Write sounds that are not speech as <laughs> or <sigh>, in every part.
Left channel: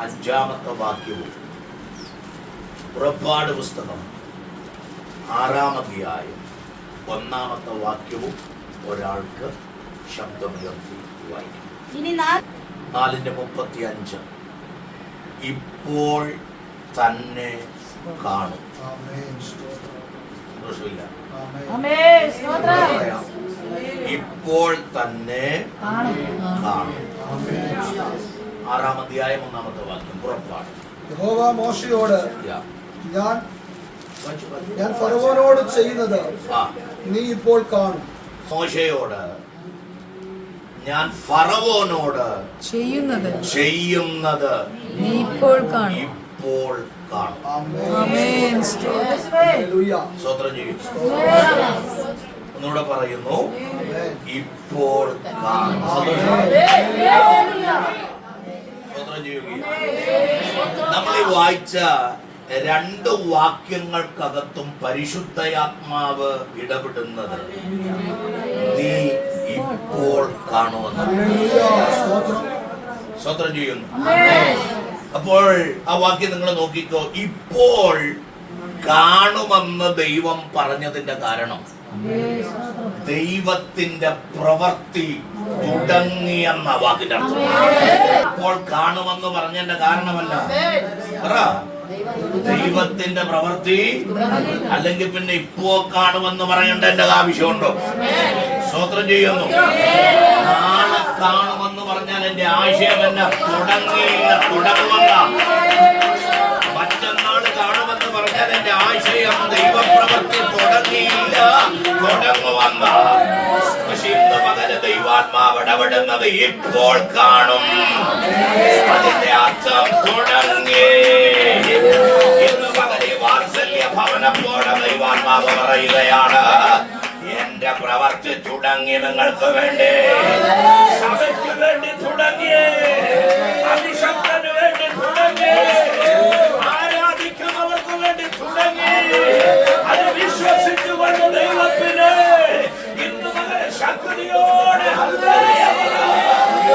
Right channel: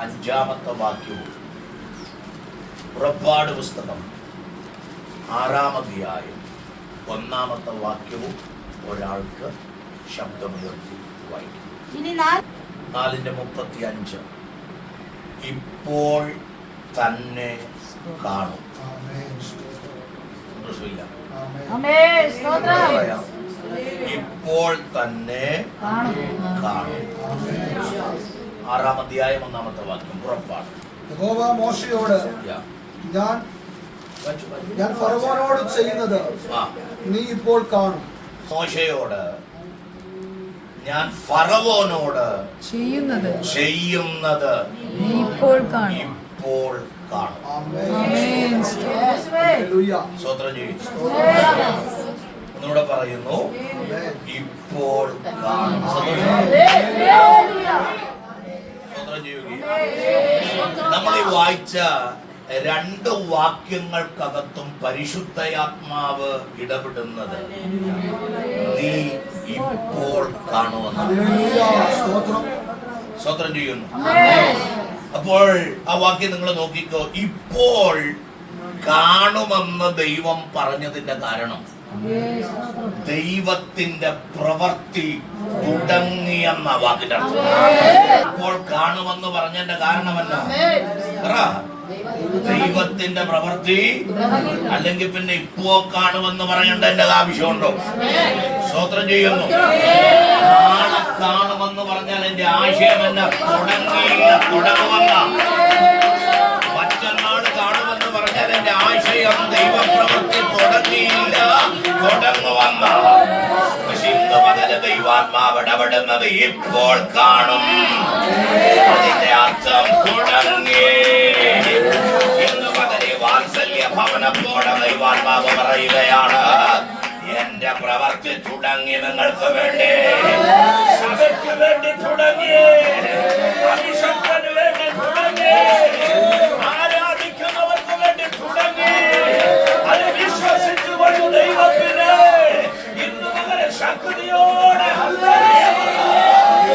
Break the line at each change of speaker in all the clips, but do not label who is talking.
അഞ്ചാമത്തെ വാക്യവും പുറപ്പാട് പുസ്തകം ആറാം അധ്യായം ഒന്നാമത്തെ വാക്യവും ഒരാൾക്ക് ശബ്ദമുയർത്തി വായിക്കും. നാലിന്റെ മുപ്പത്തി അഞ്ച് ഇപ്പോൾ തന്നെ കാണും. സന്തോഷമില്ല. ഇപ്പോൾ തന്നെ
കാണും.
ആറാം അധ്യായം ഒന്നാമത്തെ വാക്യം. പുറപ്പാട്
യഹോവ മോശയോട് ഞാൻ ഞാൻ ഫറവോനോട് ചെയ്യുന്നത് നീ ഇപ്പോൾ കാണും.
മോശയോട് ഞാൻ ഫറവോനോട്
ചെയ്യുന്നത്
ചെയ്യുന്നത്
നീ ഇപ്പോൾ കാണും.
ഇപ്പോൾ കാണും.
ആമേൻ.
ആമേൻ. സ്തോത്രം.
ചെയ്യും. ഒന്നുകൂടെ പറയുന്നു. ഇപ്പോൾ നമ്മൾ ഈ വായിച്ച രണ്ട് വാക്യങ്ങൾക്കകത്തും പരിശുദ്ധയാത്മാവ് ഇടപെടുന്നത് നീ ഇപ്പോൾ കാണുമെന്ന്
ഹല്ലേലൂയ. സ്തോത്രം.
സ്വത്രം ചെയ്യുന്നു അപ്പോൾ ആ വാക്യം നിങ്ങൾ നോക്കിക്കോ ഇപ്പോൾ കാണുമെന്ന് ദൈവം പറഞ്ഞതിന്റെ കാരണം ദൈവത്തിന്റെ പ്രവൃത്തി തുടങ്ങിയെന്ന വാക്കിന്റെ അർത്ഥം ഇപ്പോൾ കാണുമെന്ന് പറഞ്ഞതിന്റെ കാരണമല്ല ദൈവത്തിന്റെ പ്രവൃത്തി അല്ലെങ്കിൽ പിന്നെ ഇപ്പോ കാണുമെന്ന് പറയേണ്ടതിന്റെ ആവശ്യമുണ്ടോ? സ്വോത്രം ചെയ്യുന്നു. നാളെ കാണുമെന്ന് പറഞ്ഞാൽ എന്റെ ആശയം എന്നെ തുടങ്ങിയില്ല മറ്റന്നാൾ എന്റെ ആശയം ദൈവപ്രവൃത്തി തുടങ്ങിയില്ല. തുടങ്ങുമെന്ന പക്ഷെ ഇന്ന് പകൽ ദൈവാത്മാവ് ഇടപെടുന്നത് ഇപ്പോൾ കാണും. അതിന്റെ അർത്ഥം തുടങ്ങി. ഇന്ന് പകൽ വാത്സല്യ ഭവനപ്പോടെ ദൈവാത്മാവ് പറയുകയാണ് എന്റെ പ്രവർത്തി തുടങ്ങി നിങ്ങൾക്ക് വേണ്ടി. സഭയ്ക്ക് വേണ്ടി തുടങ്ങി. അഭിഷക്തന് വേണ്ടി തുടങ്ങി. അത് വിശ്വസിച്ചുകൊണ്ട് ദൈവത്തിന് ഇന്ന് മകളെ ശക്തിയോടെ ഹല്ലേലൂയ.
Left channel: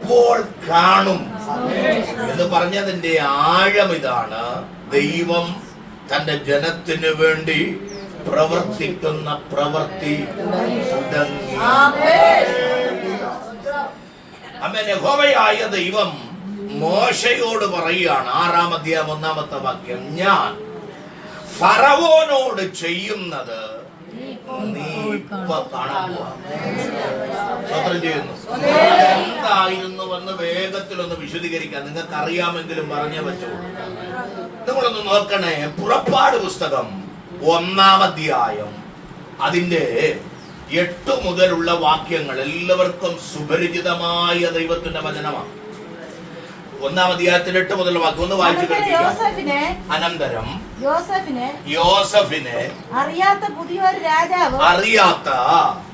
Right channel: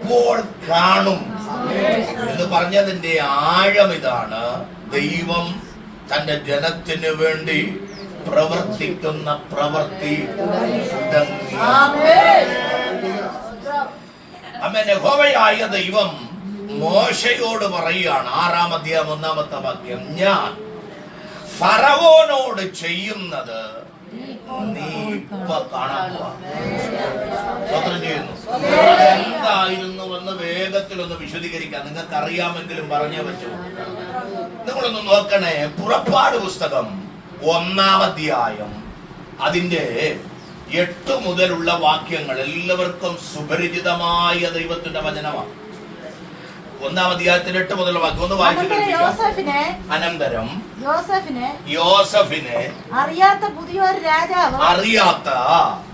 ഇപ്പോൾ കാണും. എന്ന് പറഞ്ഞതിന്റെ ആഴം ഇതാണ് ദൈവം തന്റെ ജനത്തിന് വേണ്ടി പ്രവർത്തിക്കുന്ന പ്രവൃത്തി. അമ്മേനെ അമ്മ യഹോവയായ ദൈവം മോശയോട് പറയുകയാണ് ആറാം അധ്യായം ഒന്നാമത്തെ വാക്യം ഞാൻ ഫറവോനോട് ചെയ്യുന്നത് നീ ഇപ്പൊ കാണാൻ പോവാ. സ്തോത്രം ചെയ്യുന്നു. എന്തായിരുന്നു എന്ന് വേഗത്തിലൊന്ന് വിശദീകരിക്കാം. നിങ്ങൾക്ക് അറിയാമെങ്കിലും പറഞ്ഞേ പറ്റുള്ളൂ നിങ്ങളൊന്ന് നോക്കണേ. പുറപ്പാട് പുസ്തകം ഒന്നാം അധ്യായം അതിന്റെ എട്ട് മുതലുള്ള വാക്യങ്ങൾ എല്ലാവർക്കും സുപരിചിതമായ ദൈവത്തിന്റെ വചനമാണ്. ഒന്നാം അധ്യായത്തിൽ എട്ട് മുതൽ ഒന്ന് വായിച്ചു കേൾപ്പിക്കാം. അനന്തരം.
യോസഫിനെ?
യോസഫിനെ
അറിയാത്ത പുതിയൊരു രാജാവ്.
അറിയാത്ത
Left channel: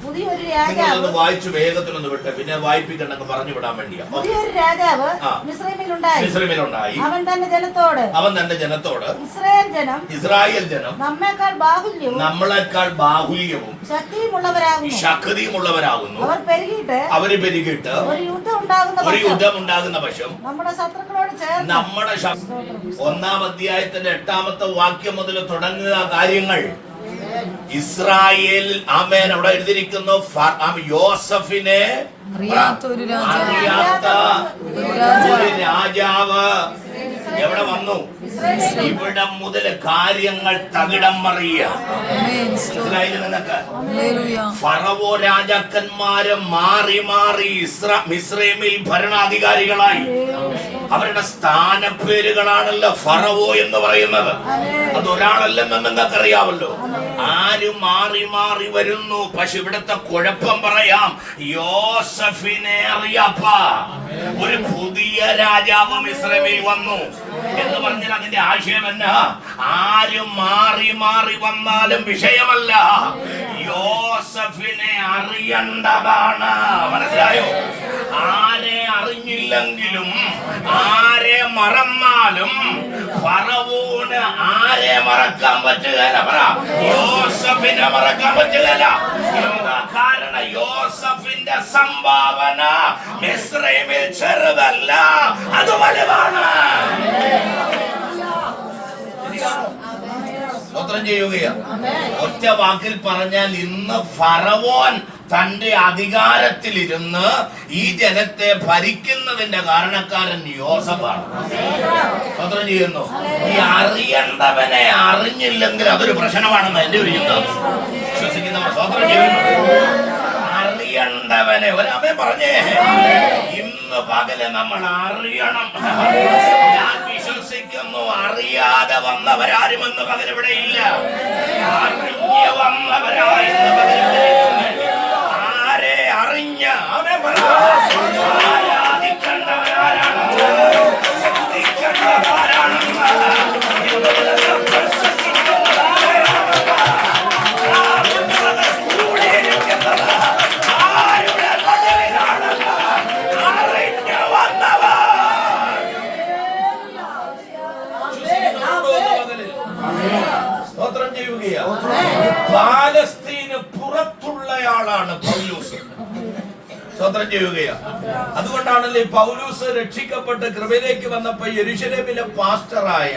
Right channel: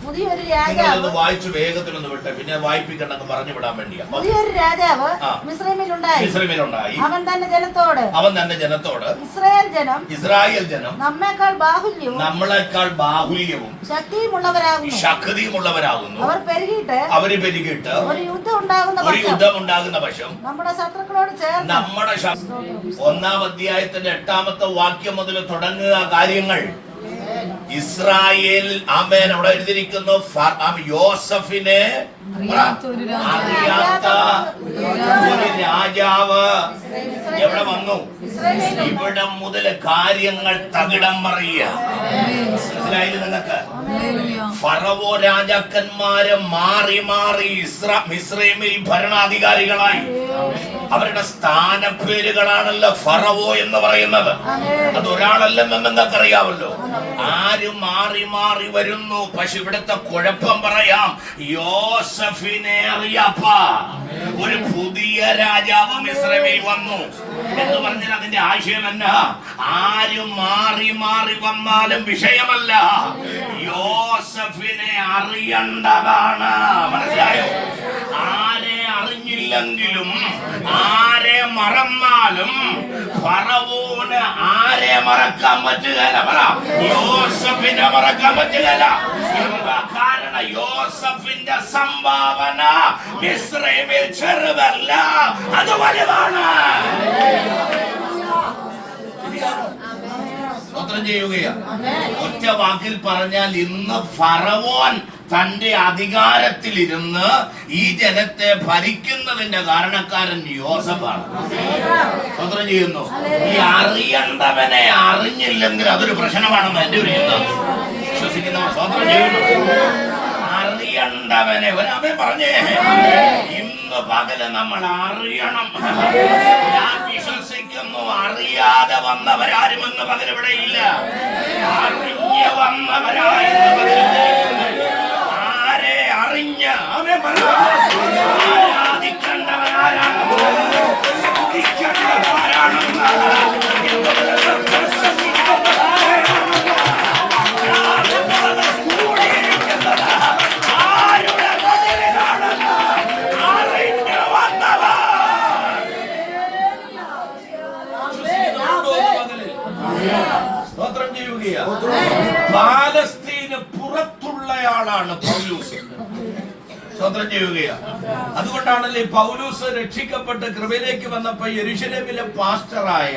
പുതിയൊരു രാജാവ്.
വായിച്ചു വേഗത്തിലൊന്ന് വിട്ടെ പിന്നെ വായിപ്പിക്കണ്ടെന്ന് പറഞ്ഞു വിടാൻ വേണ്ടിയാ.
പുതിയൊരു രാജാവ്. മിശ്രമിലുണ്ടായി
മിസ്രമിലുണ്ടായി.
അവൻ തന്റെ ജനത്തോട്.
അവൻ തന്റെ ജനത്തോട്.
ഇസ്രായേൽ ജനം
ഇസ്രായേൽ ജനം
നമ്മേക്കാൾ ബാഹുല്യവും
നമ്മളെക്കാൾ ബാഹുല്യവും
ശക്തിയുമുള്ളവരാകുന്നു.
ശക്തിയുമുള്ളവരാകുന്നു.
അവർ പെരുകിയിട്ട്
അവർ പെരുകിട്ട്
ഒരു യുദ്ധം ഉണ്ടാകുന്ന പക്ഷം നമ്മുടെ
നമ്മുടെ ഒന്നാം അധ്യായത്തിന്റെ എട്ടാമത്തെ വാക്യം മുതൽ തുടങ്ങുക കാര്യങ്ങൾ. ഇസ്രായേൽ ആമേൻ. അവിടെ എഴുതിയിരിക്കുന്നു യോസഫിനെ
അറിയാത്ത ഒരു രാജാവ്.
എവിടെ വന്നു? ഇവിടെ മുതൽ കാര്യങ്ങൾ തകിടം മറിയ. മനസ്സിലായില്ല നിങ്ങൾക്ക് ഫറവോ രാജാക്കന്മാര് മാറി മാറി ഇസ്ര മിസ്രൈമിൽ ഭരണാധികാരികളായി. അവരുടെ സ്ഥാനപ്പേരുകളാണല്ലോ ഫറവോ എന്ന് പറയുന്നത്. അതൊരാളല്ലെന്ന് നിങ്ങൾക്കറിയാമല്ലോ. ആരും മാറി മാറി വരുന്നു. പക്ഷെ ഇവിടുത്തെ കുഴപ്പം പറയാം. യോസഫിനെ അറിയാപ്പ. ഒരു പുതിയ രാജാവ് മിശ്രമിൽ വന്നു. എന്ന് പറഞ്ഞാൽ അതിന്റെ ആശയം എന്നാ? ആരും മാറി മാറി വന്നാലും വിഷയമല്ല. യോസഫിനെ അറിയണ്ടതാണ്. മനസ്സിലായോ? ആരെ അറിഞ്ഞില്ലെങ്കിലും ആരെ മറന്നാലും ഫറവോന് ആരെ മറക്കാൻ പറ്റുക പറ യോസഫിനെ മറക്കാൻ പറ്റില്ല എന്താ കാരണം? യോസഫിന്റെ സംഭാവന മിശ്രമിൽ ചെറുതല്ല. അത് വലുതാണ്. സ്തോത്രം ചെയ്യുകയാണ് ഒറ്റ വാക്കിൽ പറഞ്ഞാൽ ഇന്ന് ഫറവോൻ തന്റെ അധികാരത്തിലിരുന്ന് ഈ ജനത്തെ ഭരിക്കുന്നതിന്റെ കാരണക്കാരൻ യോസഫാണ്. സ്വത്രം ചെയ്യുന്നു. ഈ അറിയേണ്ടവനെ അറിഞ്ഞില്ലെങ്കിൽ അതൊരു പ്രശ്നമാണെന്ന് എന്റെ ഒരു ചിന്ത. വിശ്വസിക്കുന്നവർ സ്വത്രം ചെയ്യുന്നു. അറിയണ്ടവനെ ഒരമേ പറഞ്ഞേ. ഇന്ന് പകൽ നമ്മൾ അറിയണം. ഞാൻ വിശ്വസിക്കുന്നു അറിയാതെ വന്നവരാരും ഇന്ന് പകൽ ഇവിടെ ഇല്ല. അറിഞ്ഞ് വന്നവരായി ഇന്ന് പകൽ ഇവിടെ അവനെ ആരെ അറിഞ്ഞ അവനെ സ്തോത്രം ചെയ്യുകയാ അതുകൊണ്ടാണല്ലേ പൗലൂസ് രക്ഷിക്കപ്പെട്ട് കൃപയിലേക്ക് വന്നപ്പോ യരുഷലേമിലെ പാസ്റ്ററായ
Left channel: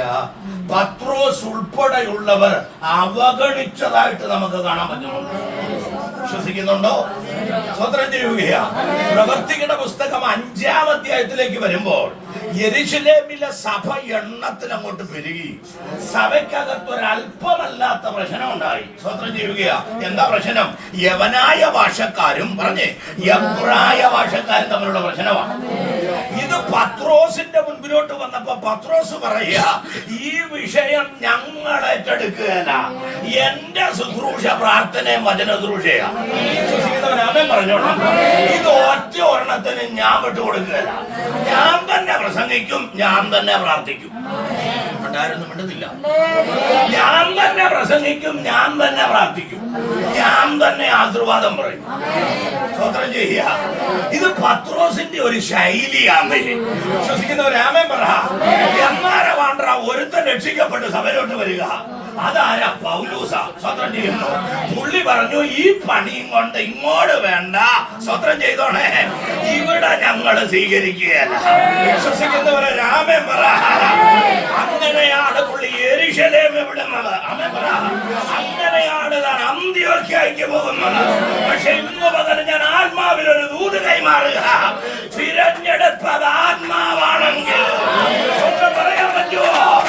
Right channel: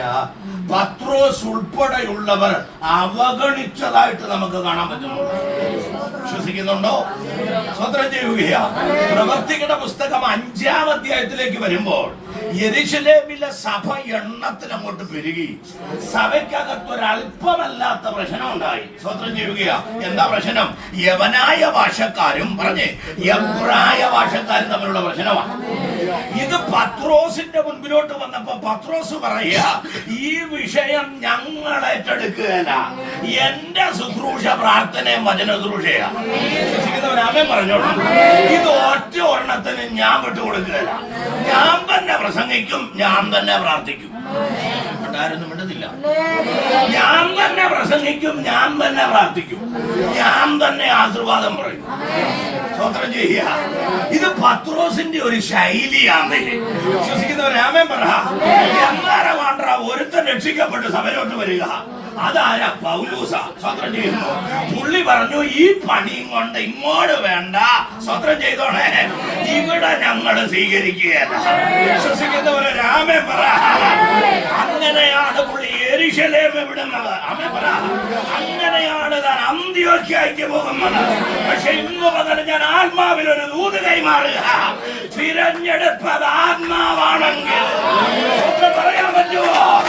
പത്രോസ് ഉൾപ്പെടെയുള്ളവർ അവഗണിച്ചതായിട്ട് നമുക്ക് കാണാൻ പറ്റുന്നുണ്ട് വിശ്വസിക്കുന്നുണ്ടോ? സ്വതന്ത്രം ചെയ്യുകയാ പ്രവർത്തികളുടെ പുസ്തകം അഞ്ചാം അധ്യായത്തിലേക്ക് വരുമ്പോൾ യെരുശലേമിലെ സഭ എണ്ണത്തിന് അങ്ങോട്ട് പെരുകി. സഭയ്ക്കകത്ത് ഒരല്പമല്ലാത്ത പ്രശ്നം ഉണ്ടായി സ്വതന്ത്രം ചെയ്യുകയാ. എന്താ പ്രശ്നം? യവനായ ഭാഷക്കാരും പറഞ്ഞേ എബ്രായ ഭാഷക്കാരും തമ്മിലുള്ള പ്രശ്നമാണ് ഇത് പത്രോസിന്റെ മുൻപിലോട്ട് വന്നപ്പോ പത്രോസ് പറയുക ഈ വിഷയം ഞങ്ങൾ ഏറ്റെടുക്കുകയല്ല എന്റെ ശുശ്രൂഷ പ്രാർത്ഥനയും വചന ശുശ്രൂഷയാ. വിശ്വസിക്കുന്നവരാമൻ പറഞ്ഞോളാം. ഇത് ഒറ്റ ഒരെണ്ണത്തിന് ഞാൻ വിട്ടുകൊടുക്കുകയല്ല ഞാൻ തന്നെ പ്രസംഗിക്കും ഞാൻ തന്നെ പ്രാർത്ഥിക്കും. ഉണ്ടായിരുന്നു മിണ്ടുന്നില്ല. ഞാൻ തന്നെ പ്രസംഗിക്കും ഞാൻ തന്നെ പ്രാർത്ഥിക്കും. ഞാൻ തന്നെ ആശീർവാദം പറയും. സ്വതന്ത്രം ചെയ്യുക. ഇത് പത്രോസിന്റെ ഒരു ശൈലിയാണ്. വിശ്വസിക്കുന്നവരാമേ പറ. എന്നാരെ വേണ്ട ഒരുത്തൻ രക്ഷിക്കപ്പെട്ട് സഭയിലോട്ട് വരിക. അതാരാ പൗലൂസ? സ്വത്രം ചെയ്യുന്നു. പുള്ളി പറഞ്ഞു ഈ പണിയും കൊണ്ട് ഇങ്ങോട്ട് വേണ്ട. സ്വത്രം ചെയ്തോണേ ഇവിടെ ഞങ്ങൾ സ്വീകരിക്കുകയല്ല. വിശ്വസിക്കുന്നവരെ രാമൻ പറ. അങ്ങനെയാണ് പുള്ളി എരിശലേം വിടുന്നത്. അമ്മ പറ. അങ്ങനെയാണ് താൻ അന്ത്യോക്കായിക്ക് പോകുന്നത്. പക്ഷെ ഇന്ന് മുതൽ ഞാൻ ആത്മാവിൽ ഒരു ദൂത് കൈമാറുക. തിരഞ്ഞെടുത്തത് ആത്മാവാണെങ്കിൽ. ഒന്ന് പറയാൻ പറ്റുമോ?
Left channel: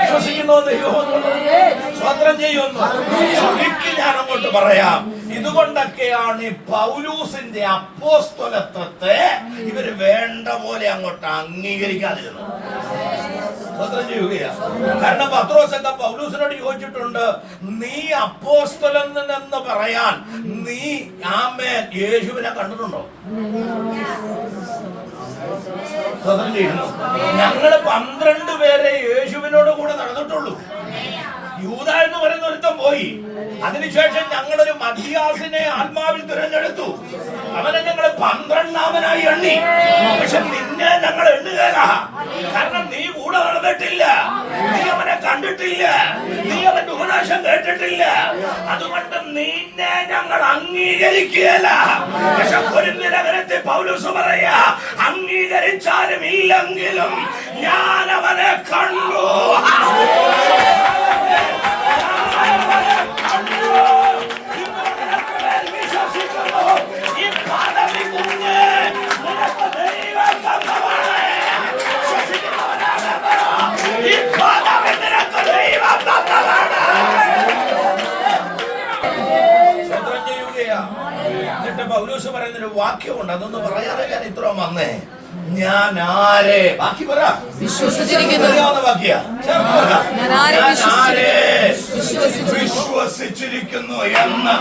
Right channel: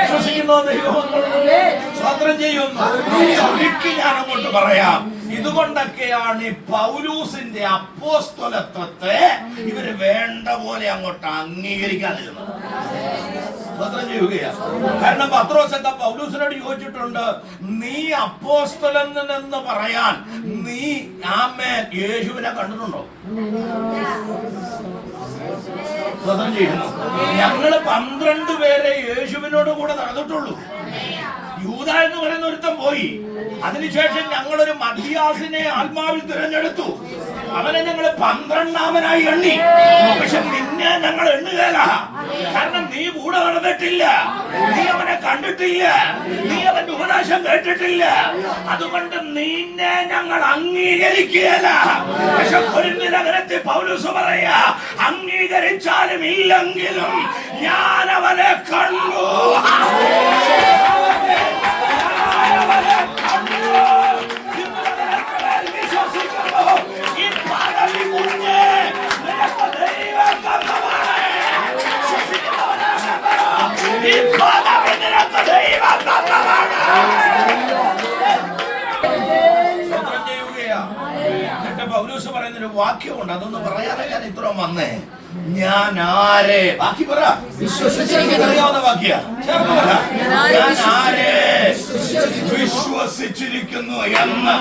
വിശ്വസിക്കുന്നു ദൈവമക്കളെ സ്വതന്ത്രം ചെയ്യുന്നു ചുരുക്കി ഞാൻ അങ്ങോട്ട് പറയാം. ഇതുകൊണ്ടൊക്കെയാണ് ഈ പൗലൂസിന്റെ അപ്പോസ്തലത്വത്തെ ഇവർ വേണ്ട പോലെ അങ്ങോട്ട് അംഗീകരിക്കാതിരുന്നത്. സ്വതന്ത്രം ചെയ്യുകയാണ് കാരണം പത്രോസ് എന്താ പൗലൂസിനോട് ചോദിച്ചിട്ടുണ്ട് നീ അപ്പോസ്തലൻ എന്ന് പറയാൻ നീ ആമേ യേശുവിനെ കണ്ടിട്ടുണ്ടോ? സ്വതന്ത്രം ചെയ്യുന്നു. ഞങ്ങൾ പന്ത്രണ്ട് പേരെ യേശുവിനോട് കൂടെ നടന്നിട്ടുള്ളൂ. യൂത എന്ന് പറയുന്ന ഒരുത്തം പോയി. അതിനുശേഷം ഞങ്ങളൊരു മധ്യാസിനെ ആത്മാവിൽ തിരഞ്ഞെടുത്തു. അവനെ ഞങ്ങൾ പന്ത്രണ്ടാമനായി എണ്ണി. പക്ഷെ നിന്നെ ഞങ്ങൾ എണ്ണുകയല്ല കാരണം നീ കൂടെ നടന്നിട്ടില്ല. നീ അവനെ കണ്ടിട്ടില്ല. നീ അവന്റെ ഉപദേശം കേട്ടിട്ടില്ല. അതുകൊണ്ട് നിന്നെ ഞങ്ങൾ അംഗീകരിക്കുകയല്ല പക്ഷെ ഒരു നിരകരത്തിൽ പൗലൂസ് പറയാ അംഗീകരിച്ചാലും ഇല്ലെങ്കിലും ഞാൻ അവനെ കണ്ടു.
വിശ്വസിച്ചിരിക്കുന്നു
എന്ന്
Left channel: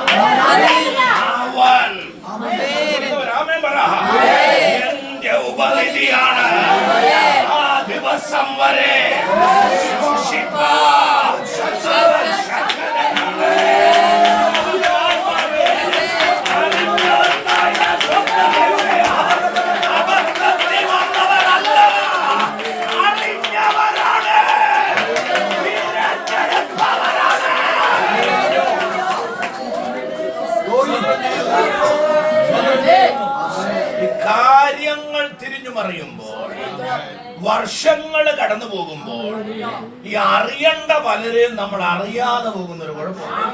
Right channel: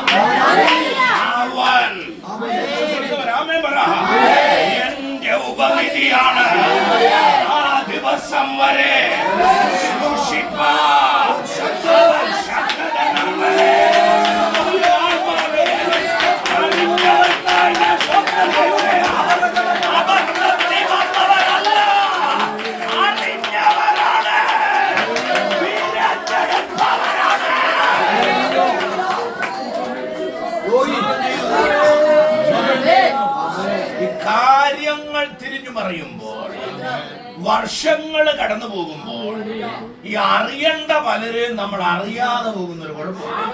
അവൻ. എന്റെ ഉപനിധിയാണ്. ആ ദിവസം വരെ സൂക്ഷിപ്പാൻ വർഷങ്ങൾ കടന്നു പോകുമ്പോൾ ഈ അറിയേണ്ട പലരെയും നമ്മൾ അറിയാതെ പോകുന്ന ഒരു കുഴപ്പമാണ്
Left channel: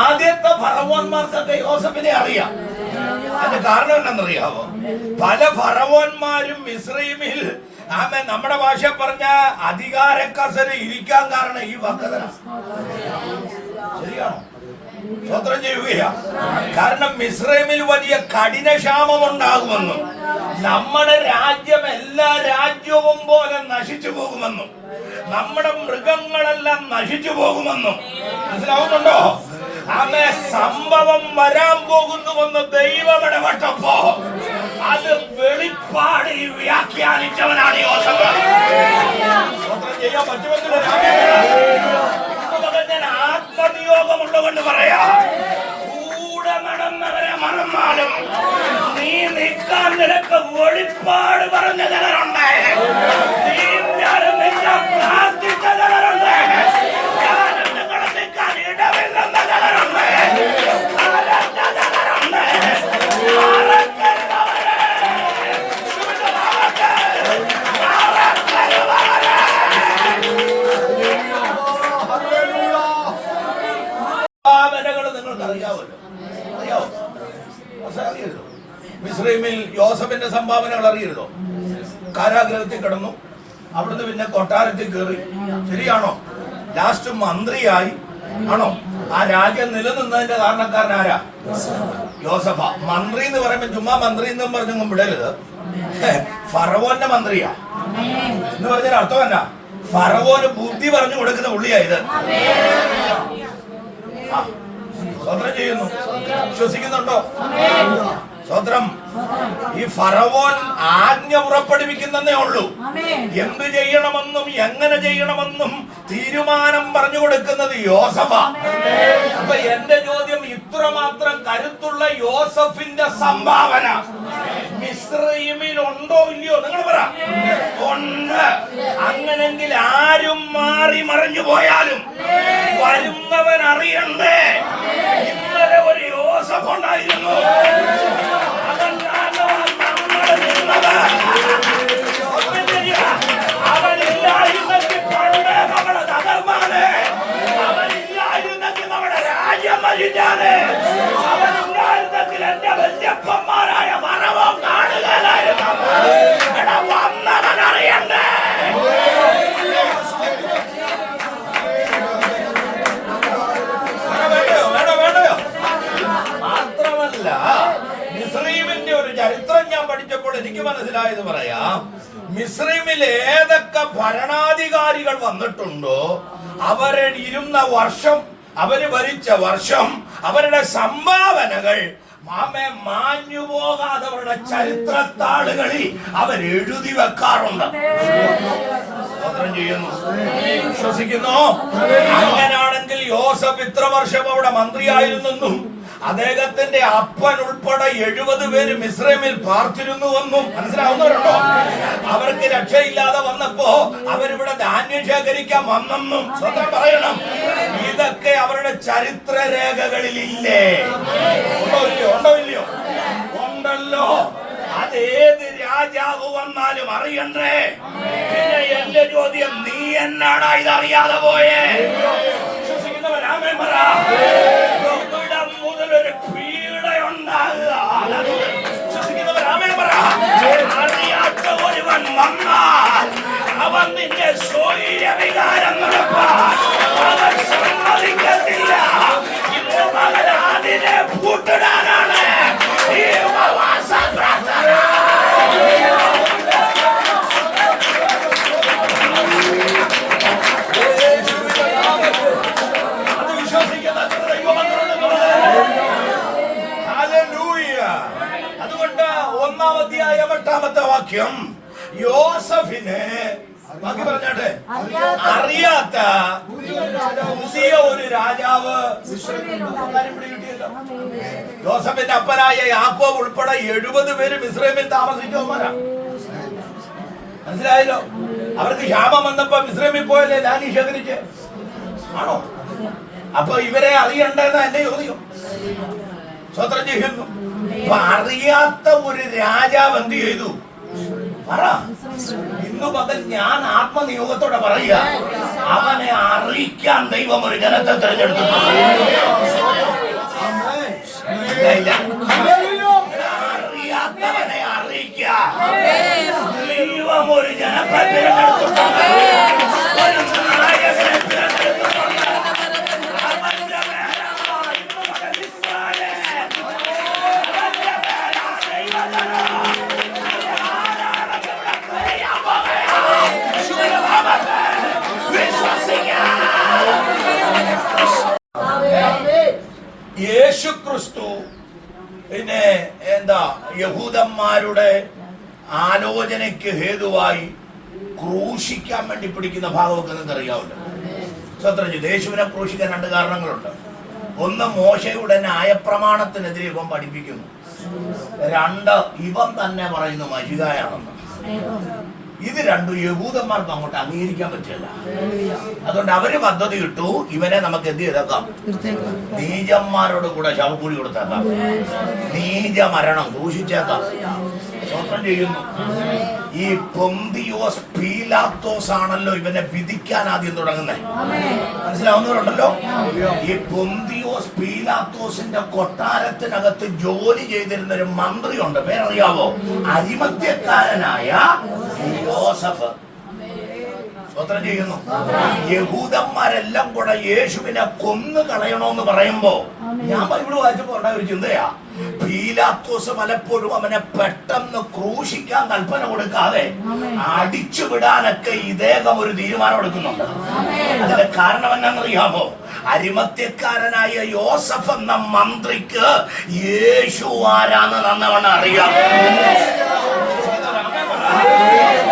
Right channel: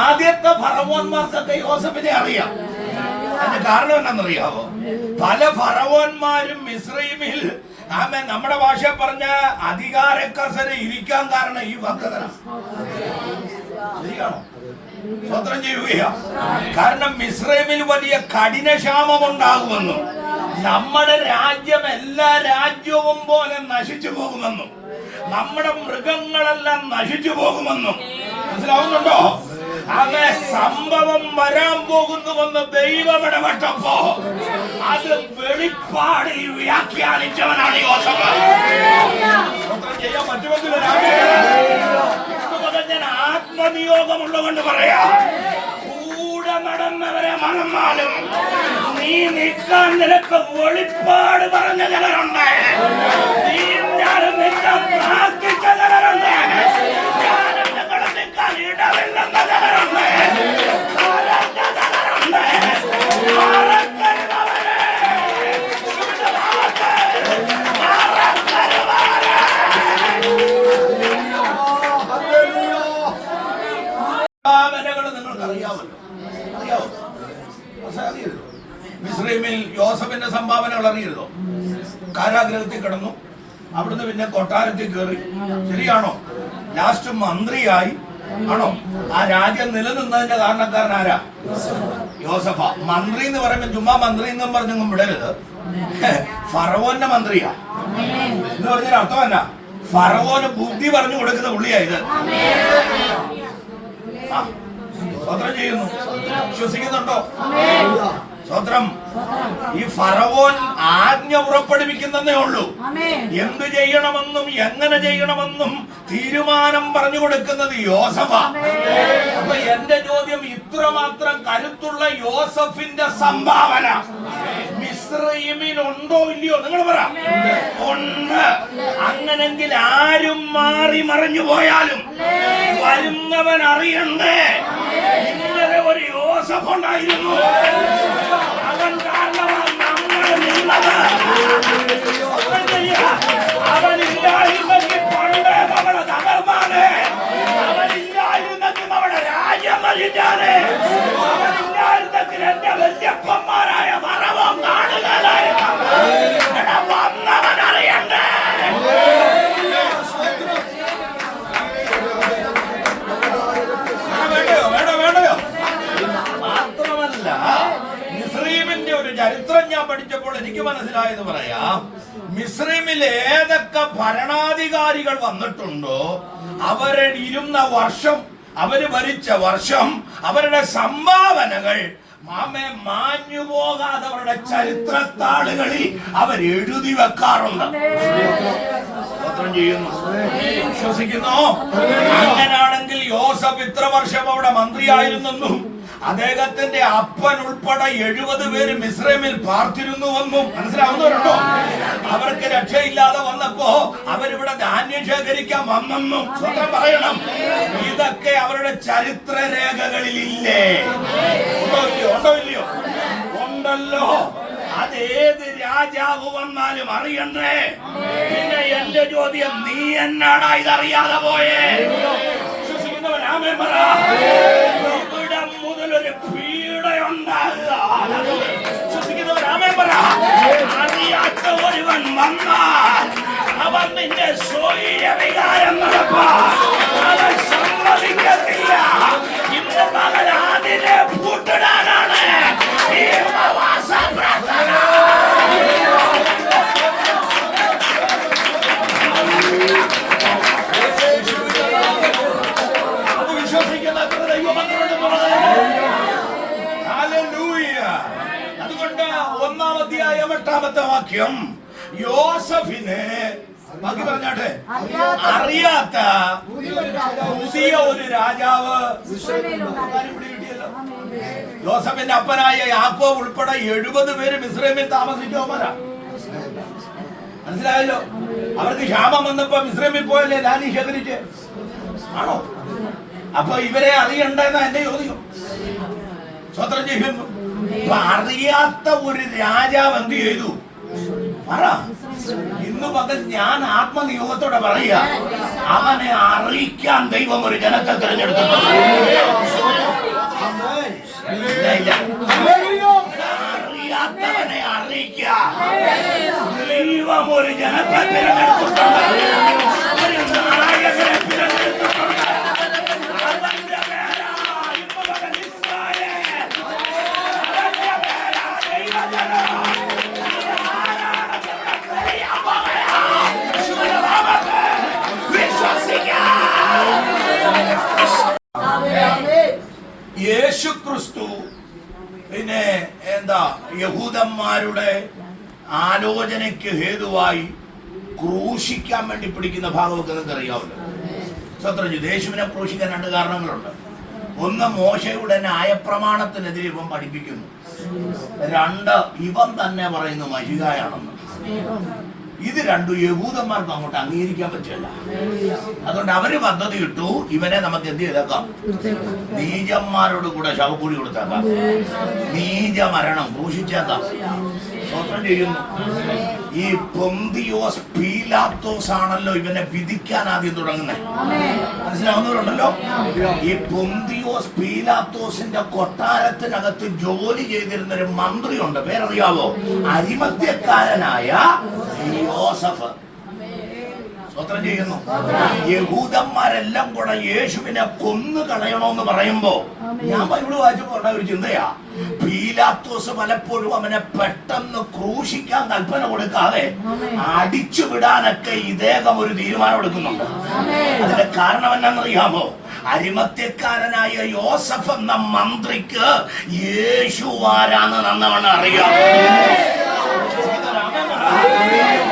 ആദ്യത്തെ ഫറവോന്മാർക്കൊക്കെ യോസഫിനെ അറിയാം. അതിന്റെ കാരണം എന്താണെന്നറിയാവോ? പല ഫറവോന്മാരും മിശ്രൈമിൽ ആമ നമ്മുടെ ഭാഷ പറഞ്ഞ അധികാര കസര ഇരിക്കാൻ കാരണം ഈ വക്കതന ശരിയാണോ? സ്വത്രം ചെയ്യുകയാ. കാരണം മിസ്രൈമിൽ വലിയ കഠിനക്ഷാമം ഉണ്ടാകുമെന്നും നമ്മുടെ രാജ്യം എല്ലാ രാജ്യവും പോലെ നശിച്ചു പോകുമെന്നും നമ്മുടെ മൃഗങ്ങളെല്ലാം നശിച്ചു പോകുമെന്നും മനസ്സിലാവുന്നുണ്ടോ? അങ്ങനെ സംഭവം വരാൻ പോകുന്നുവെന്ന് ദൈവം ഇടപെട്ടപ്പോ അത് വെളിപ്പാടിൽ വ്യാഖ്യാനിച്ചവനാണ് യോസഫ്. ചെയ്യാൻ പറ്റുമെങ്കിൽ ഞാൻ ആത്മനിയോഗമുള്ളവെന്ന് പറയാ. കൂടെ നടന്നവരെ മറന്നാലും നീ നിൽക്കാൻ നിനക്ക് ഒളിപ്പാട് പറഞ്ഞ ജനരുണ്ട് നീ കരഞ്ഞ അറിയാമല്ലോ. അറിയാമോ അറിയരുതോ? മിസ്രൈമിൽ യോസഫിന്റെ സംഭാവനകൾ അറിയരുതോ? കാരാഗ്രഹത്തിൽ കിടന്നു. അവിടുന്ന് പിന്നെ കൊട്ടാരത്തിൽ കയറി ശരിയാണോ? ലാസ്റ്റ് മന്ത്രിയായി. ആണോ? ആ രാജ്യം നിലനിന്നതിന്റെ കാരണക്കാരൻ ആരാ? യോസഫ. മന്ത്രി എന്ന് പറയുമ്പോൾ ചുമ്മാ മന്ത്രി എന്ന് പറഞ്ഞൊന്നും വിടരുത്. ഫറവോന്റെ മന്ത്രിയാ. എന്ന് പറഞ്ഞൊരു അർത്ഥം എന്നാ? ഫറവോന് ബുദ്ധി പറഞ്ഞു കൊടുക്കുന്ന പുള്ളിയാ ഇത്. സ്തോത്രം ചെയ്യുന്നു വിശ്വസിക്കുന്നുണ്ടോ സ്വതന്ത്രം ഈ ഫറവോൻ ആജ്ഞ പുറപ്പെടുവിക്കുന്നതേ ഉള്ളൂ. എന്ത് ചെയ്യണമെന്നും എങ്ങനെ ചെയ്യണമെന്നും തീരുമാനം പറഞ്ഞു കൊടുക്കുന്നത് യോസഫ. അപ്പൊ എന്റെ ചോദ്യം ഇത്രമാത്രം കരുത്തുള്ള യോസഫിന്റെ സംഭാവന. ഉണ്ടോ ഇല്ലയോ? നിങ്ങൾ പറ. ഉണ്ട്. അങ്ങനെങ്കിൽ ആരും മാറി മറിഞ്ഞു പോയാലും വരുന്നവൻ അറിയണ്ടേ? ഇന്നലെ ഒരു യോസഫ് ഉണ്ടായിരുന്നു. അവൻ കാരണമാണ് നമ്മൾ നിന്നത് അവനില്ലായിരുന്നെങ്കിൽ പണ്ടേ നമ്മളെ തകർമാനേ നമ്മുടെ രാജ്യം നശിച്ചാണ് അവനില്ലായിരുന്നെങ്കിൽ എന്റെ വല്യപ്പന്മാരായ മറവം കാണുകയായിരുന്നു വന്നവൻ അറിയണ്ടേ? മാത്രമല്ല മുസ്ലിമിന്റെ ഒരു ചരിത്രം ഞാൻ പഠിച്ചപ്പോൾ എനിക്ക് മനസ്സിലായത് പറയാം. മിസ്രീമിൽ ഏതൊക്കെ ഭരണാധികാരികൾ വന്നിട്ടുണ്ടോ അവരെ ഇരുന്ന വർഷം അവർ ഭരിച്ച വർഷം അവരുടെ സംഭാവനകൾ മാമെ മാഞ്ഞു പോകാതെ അവരുടെ ചരിത്രത്താളുകളിൽ അവരെഴുതി വെക്കാറുണ്ട്. സ്തോത്രം ചെയ്യുന്നു. വിശ്വസിക്കുന്നു അങ്ങനാണെങ്കിൽ യോസഫ് ഇത്ര വർഷം അവിടെ മന്ത്രിയായിരുന്നെന്നും അദ്ദേഹത്തിന്റെ അപ്പൻ ഉൾപ്പെടെ എഴുപത് പേര് മിശ്രമിൽ പാർത്തിരുന്നുവെന്നും മനസ്സിലാവുന്നവരുണ്ടോ? അവർക്ക് രക്ഷയില്ലാതെ വന്നപ്പോ അവരിവിടെ ധാന്യം ശേഖരിക്കാൻ വന്നെന്നും സ്വന്തം പറയണം. ഇതൊക്കെ അവരുടെ ചരിത്ര രേഖകളിൽ ഇല്ലേ ഉണ്ടോ ഇല്ലയോ? ഉണ്ടോ ഇല്ലയോ? ഉണ്ടല്ലോ. അതേത് രാജാവ് വന്നാലും അറിയണ്ടേ? പിന്നെ എന്റെ ചോദ്യം നീ എന്നാടാ ഇതറിയാതെ പോയേ? വിശ്വസിക്കുന്നവരാമേ പറ ഇവിടം മുതൽ ഒരു പീഡയുണ്ടാകുക വിശ്വസിക്കുന്നവരാമേ പറ അറിയാത്ത ഒരുവൻ വന്നാൽ അവൻ നിന്റെ സ്വൈര വികാരം നടപ്പാ. അവൻ സമ്മതിക്കത്തില്ല. ഇന്ന് പകൽ അതിനെ അതുകൊണ്ട് ഒന്നാം അധ്യായം എട്ടാമത്തെ വാക്യം യോസഫിന് ബാക്കി പറഞ്ഞാട്ടെ? അറിയാത്ത പുതിയ ഒരു രാജാവ്. യോസഫിന്റെ അപ്പനായ യാക്കോ ഉൾപ്പെടെ എഴുപത് പേര് മിസ്രൈമിൽ താമസിച്ചവന്മാരാ മനസ്സിലായല്ലോ? അവർക്ക് ക്ഷാമം വന്നപ്പോ മിസ്രൈമിൽ പോയല്ലേ ലാനി ശേഖരിച്ച്? ആണോ? അപ്പൊ ഇവരെ അറിയണ്ടെന്ന എന്റെ ചോദ്യം. സ്വത്രം ചെയ്യുന്നു. അപ്പൊ അറിയാത്ത ഒരു രാജാവ് എന്ത് ചെയ്തു? പറ. ഇന്ന് മുതൽ ഞാൻ ആത്മനിയോഗത്തോടെ പറയുക. അവനെ അറിയിക്കാൻ ദൈവം ഒരു ജനത്തെ തിരഞ്ഞെടുത്തിട്ടുണ്ട്.
ആമേൻ.
ഇല്ല, ഇല്ല.
ഹല്ലേലൂയ.
അറിയാത്തവനെ അറിയിക്കുക ദൈവം ഒരു ജനത്തെ തിരഞ്ഞെടുത്തിട്ടുണ്ട് ഒരു നായകനെ ആലോചനയ്ക്ക് ഹേതുവായി ക്രൂശിക്കാൻ വേണ്ടി പിടിക്കുന്ന ഭാഗമൊക്കെ നിങ്ങൾക്ക് അറിയാമല്ലോ സ്വത്രം യേശുവിനെ ക്രൂശിക്കാൻ രണ്ട് കാരണങ്ങളുണ്ട്. ഒന്ന് മോശയുടെ ന്യായപ്രമാണത്തിനെതിരെ ഇവൻ പഠിപ്പിക്കുന്നു. രണ്ട് ഇവൻ തന്നെ പറയുന്നു മഷികായാണെന്ന് ഇത് രണ്ടു യഹൂദന്മാർക്ക് അങ്ങോട്ട് അംഗീകരിക്കാൻ പറ്റില്ല. അതുകൊണ്ട് അവർ പദ്ധതി ഇട്ടു ഇവനെ നമുക്ക് എന്ത് ചെയ്തേക്കാം? നീചന്മാരോട് കൂടെ ശവക്കൂടി കൊടുത്തേക്കാം. നീച മരണം ദൂഷിച്ചേക്കാം സ്വപ്നം ചെയ്യുന്നു. ഈ പൊന്തിയോസ് പീലാത്തോസ് ആണല്ലോ ഇവനെ വിധിക്കാൻ ആദ്യം തുടങ്ങുന്നത് മനസ്സിലാവുന്നവരുണ്ടല്ലോ? ഈ പൊന്തിയോസ് പീലാത്തോസിന്റെ കൊട്ടാരത്തിനകത്ത് ജോലി ചെയ്തിരുന്ന ഒരു മന്ത്രിയുണ്ട്. പേരറിയാവോ? അരിമത്യക്കാരനായ യോസഫ് ചെയ്യുന്നു. യഹൂദന്മാരെല്ലാം കൂടെ യേശുവിനെ കൊന്നു കളയണമെന്ന് പറയുമ്പോ ഞാൻ ബൈബിൾ വായിച്ചപ്പോ ഉണ്ടായ ഒരു ചിന്തയാ. പീലാത്തോസ് പലപ്പോഴും അവനെ പെട്ടെന്ന് ക്രൂശിക്കാൻ കൽപ്പന കൊടുക്കാതെ അടിച്ചു വിടാനൊക്കെ ഇദ്ദേഹം ഒരു തീരുമാനം എടുക്കുന്നുണ്ട്. അതിന്റെ കാരണം എന്നാണെന്നറിയാമോ അരിമത്യക്കാരനായ യോസഫ് എന്ന മന്ത്രിക്ക് യേശു ആരാന്ന് നന്നവണ്ണം അറിയാമോ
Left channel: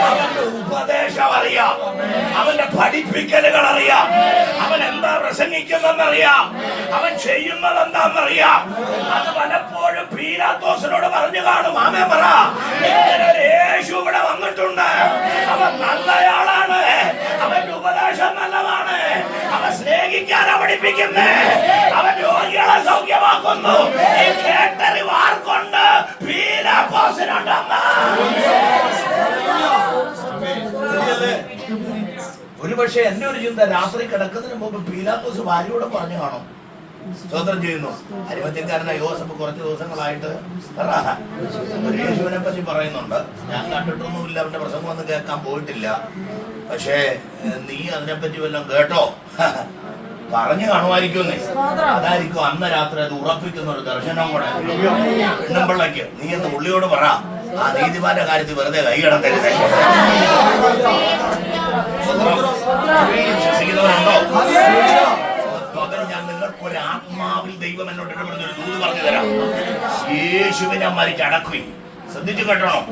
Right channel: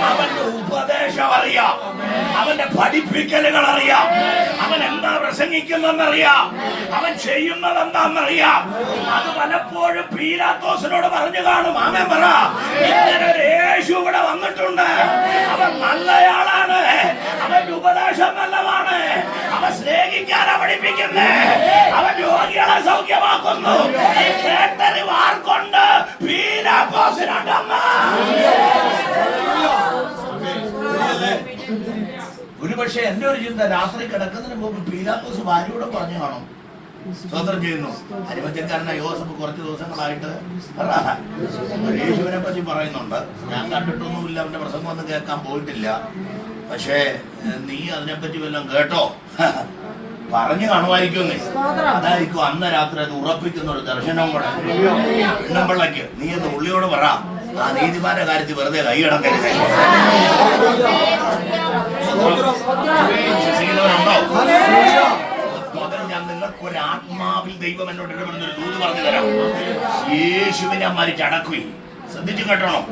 അവന്റെ ഉപദേശം അറിയാം അവന്റെ പഠിപ്പിക്കലുകൾ അറിയാം അവൻ എന്താ പ്രസംഗിക്കുന്നെന്നറിയാം അവൻ ചെയ്യുന്നത് എന്താണെന്നറിയാം അത് പലപ്പോഴും പീലാത്തോസിനോട് പറഞ്ഞു കാണും. ആമേ പറ യേശു ഇവിടെ വന്നിട്ടുണ്ട്. അവൻ നല്ലയാളാണ്. അവന്റെ ഉപദേശം നല്ലതാണ്. അവൻ സ്നേഹിക്കാനാ പഠിപ്പിക്കുന്നേ. അവൻ രോഗികളെ സൗഖ്യമാക്കുന്നു. ഈ? ഒരുപക്ഷെ എന്റെ ഒരു ചിന്ത രാത്രി കിടക്കുന്നതിന് മുമ്പ് പീലാത്തോസ് ഭാര്യയോട് പറഞ്ഞു കാണും. സ്വതന്ത്രം ചെയ്യുന്നു. അരിമത്യക്കാരനായ യോസഫ് കുറച്ച് ദിവസങ്ങളായിട്ട് യേശുവിനെ പറ്റി പറയുന്നുണ്ട്. ഞാൻ കണ്ടിട്ടൊന്നുമില്ല അവന്റെ പ്രസംഗം ഒന്നും കേൾക്കാൻ പോയിട്ടില്ല. പക്ഷേ നീ അതിനെപ്പറ്റി വല്ലതും കേട്ടോ? പറഞ്ഞു കാണുമായിരിക്കും അതായിരിക്കും അന്ന് രാത്രി അത് ഉറപ്പിക്കുന്ന ഒരു ദർശനവും കൂടെ. പെണ്ണുമ്പിള്ളയ്ക്ക് നീ എന്ന് ഉള്ളിയോട് പറ. ആ നീതിമാന്റെ കാര്യത്തിൽ വെറുതെ കൈ കിടത്തരുതേ ഞാൻ നിങ്ങൾക്ക് ഒരു ആത്മാവിൽ ദൈവം എന്നോട് ഇടപെടുന്ന ഒരു ദൂത് പറഞ്ഞു തരാം. യേശുവിനെ മരിച്ചടക്കുകയും ശ്രദ്ധിച്ചു കേട്ടോണം?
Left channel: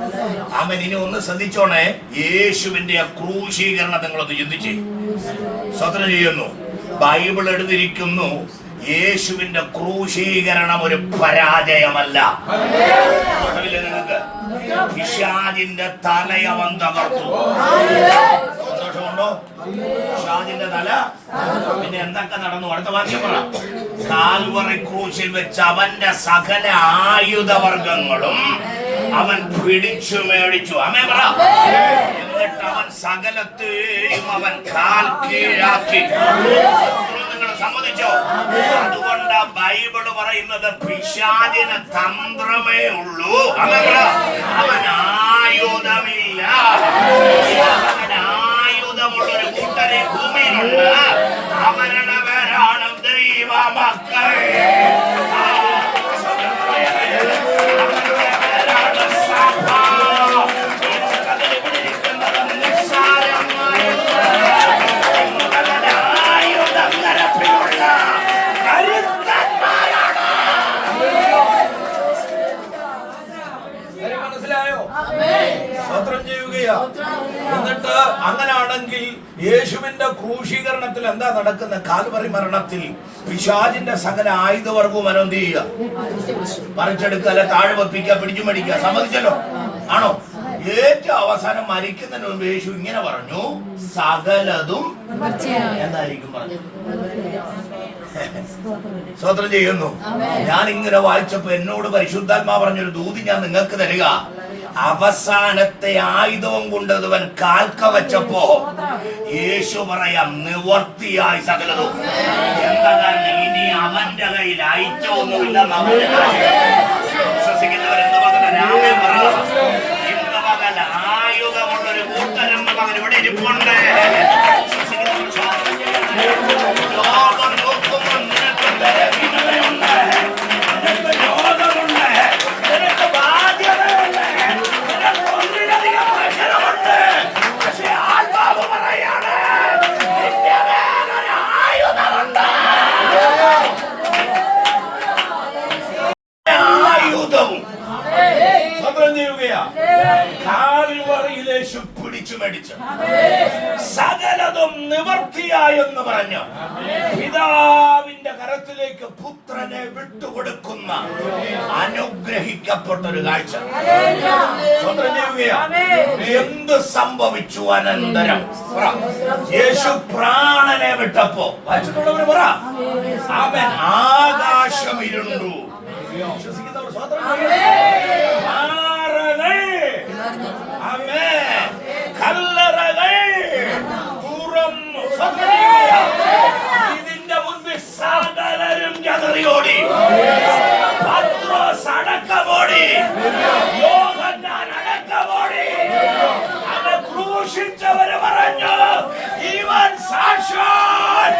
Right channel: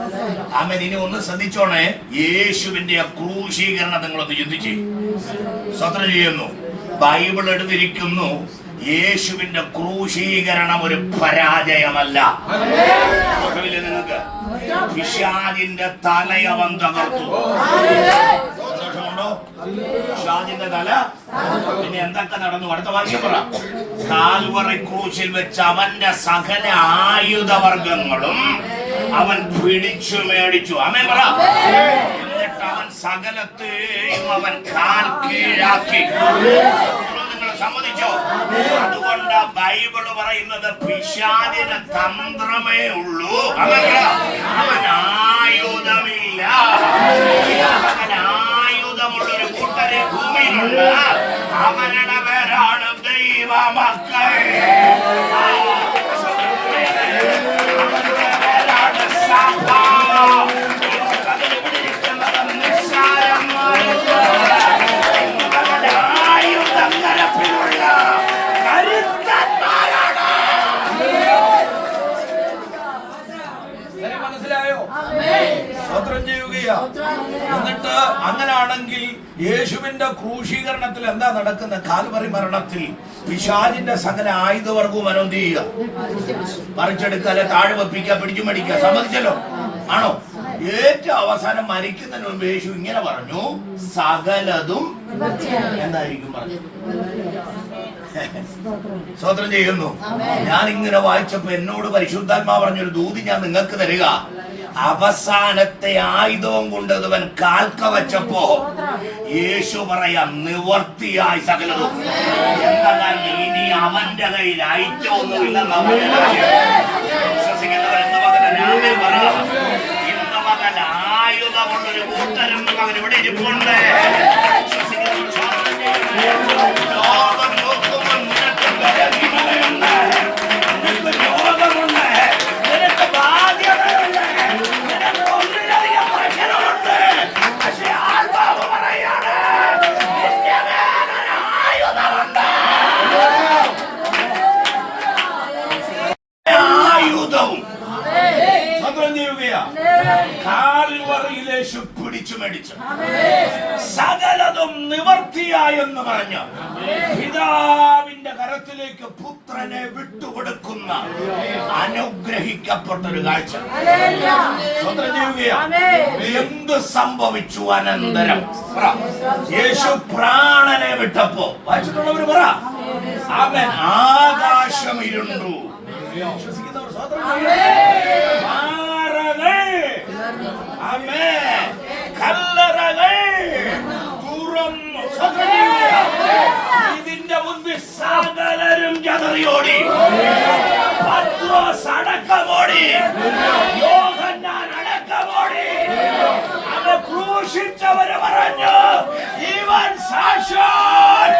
ആമൻ ഇനി ഒന്ന് ശ്രദ്ധിച്ചോണേ. യേശുവിന്റെ ക്രൂശീകരണം നിങ്ങളൊന്ന് ചിന്തിച്ച്. സ്വത്രം ചെയ്യുന്നു. ബൈബിൾ എടുത്തിരിക്കുന്നു. യേശുവിന്റെ ക്രൂശീകരണം ഒരു പരാജയമല്ല. നിങ്ങൾക്ക്? പിശാജിന്റെ തലയവൻ തകർത്തു. സന്തോഷമുണ്ടോ? പിശാജിന്റെ തല? പിന്നെ എന്തൊക്കെ നടന്നു? അടുത്ത വാക്യം പറ. കാൽവറി ക്രൂശിൽ വെച്ച് അവന്റെ സകല ആയുധവർഗങ്ങളും അവൻ പിടിച്ചു മേടിച്ചു. അമേ പറ. എന്നിട്ട് അവൻ സകലത്തെയും അവൻ കാൽ കീഴാക്കി സമ്മതിച്ചോ അതുകൊണ്ട് ബൈബിൾ പറയുന്നത് പിശാചിന് തന്ത്രമേ ഉള്ളൂ. പറ അവൻ ആയുധമില്ല അവൻ കൂട്ടരെ ഭൂമിയിലുണ്ട്. അവരുടെ ദൈവ മക്കൾ അവരുടെ സഭ. മനസ്സിലായോ? സ്വത്രം ചെയ്യുകയാ. എന്നിട്ട് അങ്ങനാണെങ്കിൽ യേശുവിന്റെ ക്രൂശീകരണത്തിൽ എന്താ നടക്കുന്ന? കാൽവറി മരണത്തിൽ പിശാചിന്റെ സകല ആയുധവർഗവും അനന്ത് ചെയ്യുക. പറിച്ചെടുക്കുക അല്ലെ താഴെ വെപ്പിക്കുക പിടിച്ചു മേടിക്കുക. സമ്മതിച്ചല്ലോ? ആണോ? ഏറ്റവും അവസാനം മരിക്കുന്നതിന് മുമ്പ് യേശു ഇങ്ങനെ പറഞ്ഞു സകലതും എന്നായിരിക്കും പറഞ്ഞു സ്വതന്ത്രം ചെയ്യുന്നു. ഞാൻ ഇങ്ങനെ വായിച്ചപ്പോ എന്നോട് പരിശുദ്ധാത്മാ പറഞ്ഞൊരു ദൂതി ഞാൻ നിങ്ങൾക്ക് തരിക. അവസാനത്തെ ആയുധവും കൊണ്ട് അവൻ കാൽക്ക വെച്ചപ്പോ യേശു പറയാം നിവർത്തിയായി സകലതും. എന്താ ഇനി അവന്റെ കയ്യിൽ അയച്ചൊന്നുമില്ല നമ്മൾ വിശ്വസിക്കുന്നവരെന്ന് പകല രാമൻ പറ. ഇന്ന് പകല ആയുധമുള്ളൊരു കൂട്ടരം മകൻ ഇവിടെ ഇരിപ്പുണ്ട്. വിശ്വസിക്കുന്നവർ ലോകം പുത്രനെ വിട്ടുകൊടുക്കുന്ന അനുഗ്രഹിക്കപ്പെട്ട ഒരു കാഴ്ച എന്ത് സംഭവിച്ചു അനന്തരം? യേശു പ്രാണനെ വിട്ടപ്പോ. വായിച്ചിട്ടുള്ളവര് പറ. അവൻ ആകാശം ഇരുണ്ടു. വിശ്വസിക്കുന്നവർ. കല്ലറകൾ. തുറന്നു. മുൻപിൽ സകലരും ചതറിയോടി പത്രോസ് അടക്കമോടി. യോഹന്നാൻ അടക്കമോടി. അത് ക്രൂശിച്ചവര് പറഞ്ഞു ഇവൻ സാക്ഷാൽ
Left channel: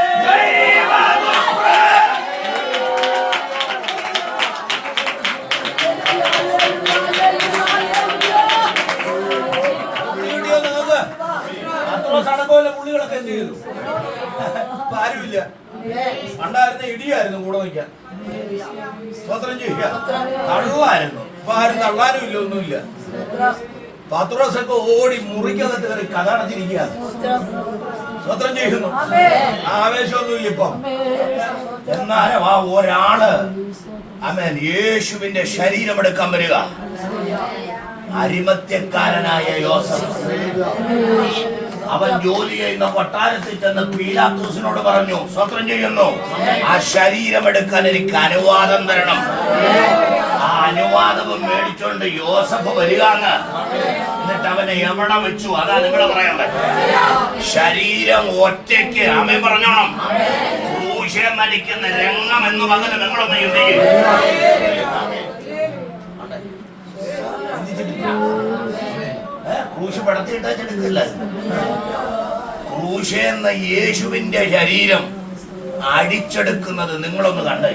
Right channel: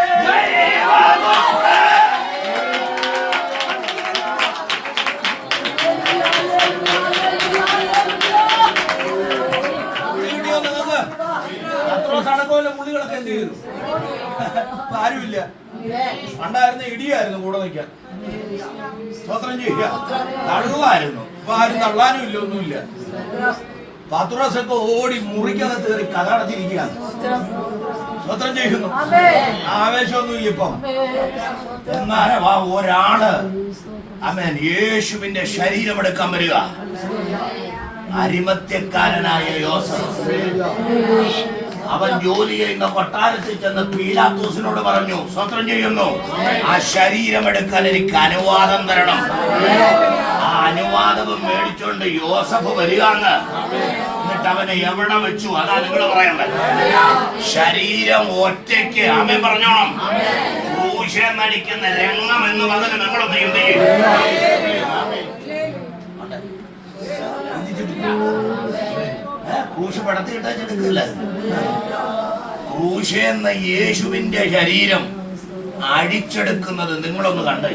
ദൈവപുത്രൻ പത്രോസ് അടക്കമല്ല പുള്ളികളൊക്കെ എന്ത് ചെയ്തു? ആരുമില്ല. പണ്ടായിരുന്ന ഇടിയായിരുന്നു കൂടെ നിൽക്കാൻ. സ്തോത്രം ചെയ്യുക. തള്ളായിരുന്നു. ഇപ്പൊ ആരും തള്ളാനും ഇല്ല ഒന്നുമില്ല. പത്രോസൊക്കെ ഓടി മുറിക്കകത്ത് കയറി കഥടച്ചിരിക്കുകയാണ് സ്തോത്രം ചെയ്യുന്നു. ആവേശമൊന്നുമില്ല ഇപ്പം. എന്നാലും ആ ഒരാൾ അമേൻ യേശുവിന്റെ ശരീരം എടുക്കാൻ വരിക. അരിമത്യക്കാരനായ യോസഫ്. അവൻ ജോലി ചെയ്യുന്ന കൊട്ടാരത്തിൽ ചെന്ന് പീലാത്തോസിനോട് പറഞ്ഞു സ്വത്രം ചെയ്യുന്നു. ആ ശരീരം എടുക്കാൻ എനിക്ക് അനുവാദം തരണം. ആ അനുവാദം മേടിച്ചോണ്ട് യോസഫ് വരികയാണ്. എന്നിട്ട് അവനെ എവിടെ വെച്ചു? അതാ നിങ്ങൾ പറയണ്ടേ ശരീരം ഒറ്റയ്ക്ക് അമ്മ പറഞ്ഞോണം. ക്രൂശം രംഗം എന്ന് പകരം നിങ്ങളൊന്ന് ചിന്തിക്കും ക്രൂശ് പടത്തി എടുക്കില്ല ക്രൂശ് എന്ന യേശുവിന്റെ ശരീരം അഴിച്ചെടുക്കുന്നത് നിങ്ങളൊന്ന് കണ്ടേ.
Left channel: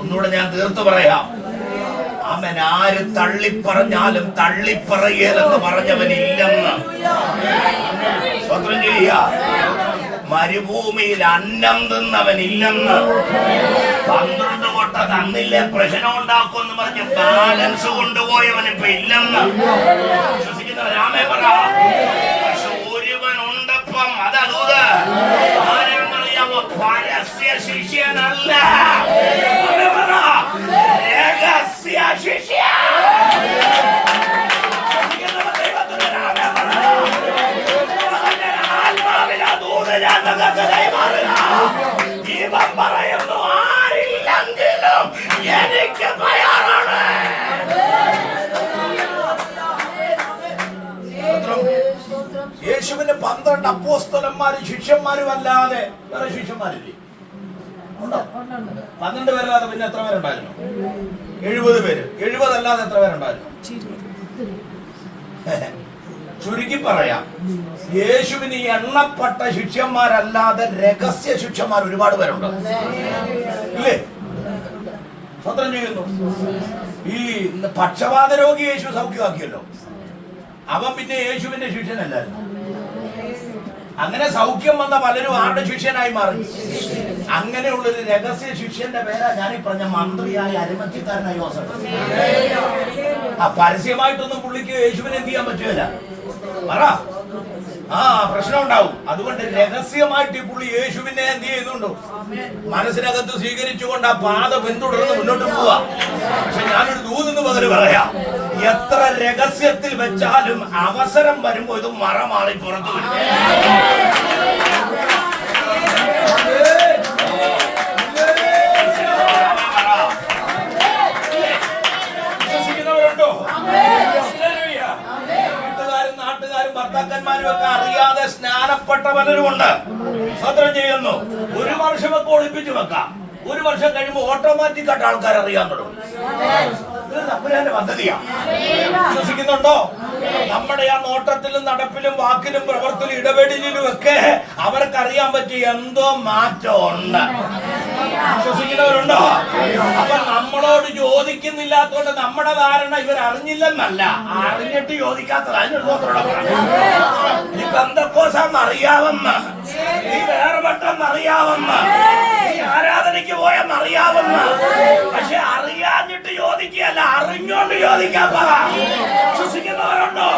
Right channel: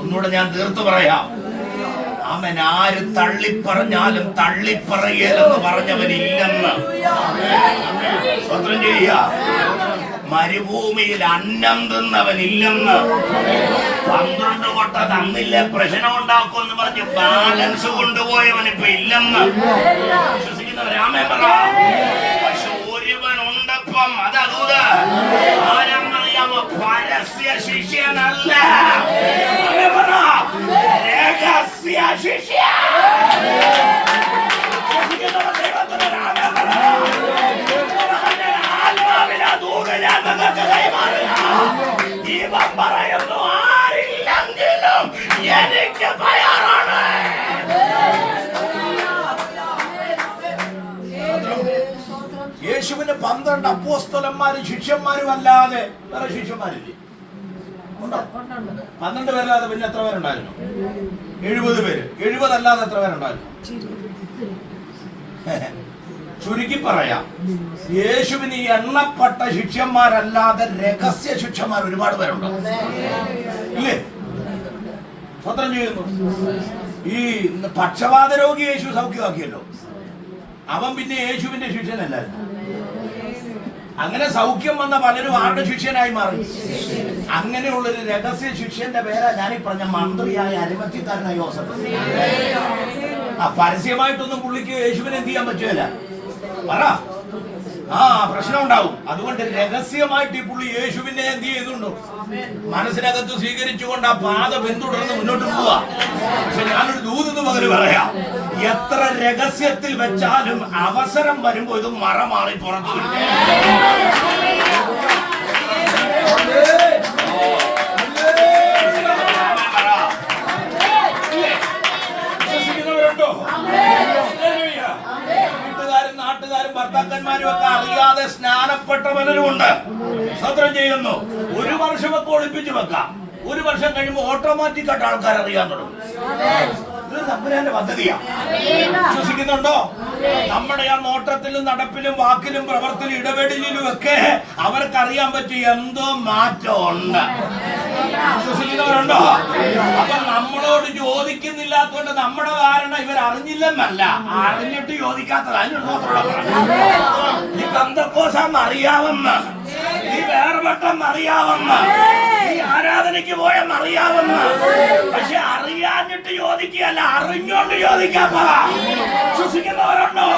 ഒന്നുകൂടെ ഞാൻ തീർത്തു പറയാം. അവൻ ആര് തള്ളിപ്പറഞ്ഞാലും തള്ളിപ്പറയലെന്ന് പറഞ്ഞവൻ ഇല്ലെന്ന് സ്വന്തം ചെയ്യുക. മരുഭൂമിയിൽ അന്നം തിന്നവനില്ലെന്ന്. പന്ത്രണ്ട് കൊട്ട തന്നില്ലേ പ്രശ്നം ഉണ്ടാക്കുമെന്ന് പറഞ്ഞ് ബാലൻസ് കൊണ്ടുപോയവൻ ഇപ്പൊ ഇല്ലെന്ന്. വിശ്വസിക്കുന്നവരാമേ പറ. പക്ഷെ ഒരുവൻ ഉണ്ടപ്പം അതൂത് ആരാന്നറിയാമോ പരസ്യ ശിഷ്യനല്ല. രഹസ്യ ശിഷ്യ. ഞാൻ നിങ്ങൾക്ക് കൈമാറുക. പറയുന്നു ആരില്ലെങ്കിലും എനിക്ക് തയ്യാറാണ് യേശുവിന് പന്ത്രണ്ട് അപ്പോസ്തലന്മാരും ശിഷ്യന്മാരും അല്ലാതെ വേറെ ശിഷ്യന്മാരില്ലേ? ഉണ്ടോ? പന്ത്രണ്ട് പേരല്ലാതെ പിന്നെ എത്ര പേരുണ്ടായിരുന്നു? എഴുപത് പേര്. എഴുപതല്ലാതെ എത്ര പേരുണ്ടായിരുന്നു? <laughs> ചുരുക്കി പറയാം. യേശുവിന് എണ്ണപ്പെട്ട ശിഷ്യന്മാരല്ലാതെ രഹസ്യ ശിഷ്യന്മാർ ഒരുപാട് പേരുണ്ട്. ഇല്ലേ? ചെയ്യുന്നു. ഈ പക്ഷപാത രോഗി യേശു സൗഖ്യമാക്കിയല്ലോ. അവൻ പിന്നെ യേശുവിന്റെ ശിഷ്യനല്ലായിരുന്നു. അങ്ങനെ സൗഖ്യം വന്ന പലരും ആരുടെ ശിഷ്യനായി മാറി? അങ്ങനെയുള്ളൊരു രഹസ്യ ശിഷ്യന്റെ പേരാ ഞാൻ ഈ പറഞ്ഞ മന്ത്രിയായ അരിമത്തിക്കാരനായ യോസഫ്. ആ പരസ്യമായിട്ടൊന്നും പുള്ളിക്ക് യേശുവിനെ എന്ത് ചെയ്യാൻ പറ്റുകയില്ല. പറ. ആ പ്രശ്നം ഉണ്ടാവും അതുകൊണ്ട് രഹസ്യമായിട്ട് പുള്ളി യേശുവിനെ എന്ത് ചെയ്യുന്നുണ്ടോ മനസ്സിനകത്ത് സ്വീകരിച്ചുകൊണ്ട് ആ പാത പിന്തുടർന്ന് മുന്നോട്ട് പോവാ. പക്ഷെ ഞാനൊരു ദൂതെന്ന് പകര് പറയാ. എത്ര രഹസ്യത്തിൽ വെച്ചാലും അവസരം വരുമ്പോ ഇത് മറ മാറി പുറത്തു വരും ഭർത്താക്കന്മാരും ഒക്കെ അറിയാതെ സ്നാനപ്പെട്ട പലരുമുണ്ട് സ്വത്രം ചെയ്യുന്നു. ഒരു വർഷമൊക്കെ ഒളിപ്പിച്ചു വെക്കാം. ഒരു വർഷം കഴിയുമ്പോൾ ഓട്ടോമാറ്റിക് ആയിട്ട് ആൾക്കാർ അറിയാൻ തുടങ്ങും. പദ്ധതിയാണ് വിശ്വസിക്കുന്നുണ്ടോ? നമ്മുടെ ആ നോട്ടത്തിലും നടപ്പിലും വാക്കിലും പ്രവർത്തനം ഇടപെടലിലും ഒക്കെ അവർക്കറിയാൻ പറ്റിയ എന്തോ മാറ്റം ഉണ്ട് വിശ്വസിക്കുന്നവരുണ്ടോ? അപ്പൊ നമ്മളോട് ചോദിക്കുന്നില്ലാത്തോണ്ട് നമ്മുടെ ധാരണ ഇവർ അറിഞ്ഞില്ലെന്നല്ല അറിഞ്ഞിട്ട് ചോദിക്കാത്തത് അതിന് സ്തോത്രം പറയാം. നീ ബന്ധക്കോസാന്ന് അറിയാവുന്ന നീ വേറെ പെട്ടെന്ന് അറിയാമെന്ന് നീ ആരാധനയ്ക്ക് പോയെന്ന് അറിയാവുന്ന പക്ഷെ അറിയാഞ്ഞിട്ട് ചോദിക്കുകയല്ല അറിഞ്ഞോണ്ട് ചോദിക്കാപ്പാ വിശ്വസിക്കുന്നവരുണ്ടോ?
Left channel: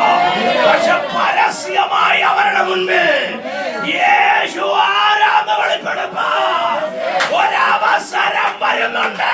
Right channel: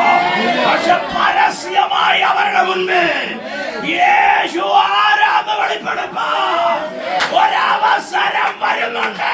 പക്ഷെ പരസ്യമായി അവരുടെ മുൻപിൽ യേശു ആരാന്ന് വെളിപ്പെടുത്താൻ ഒരവസരം വരുന്നുണ്ട്.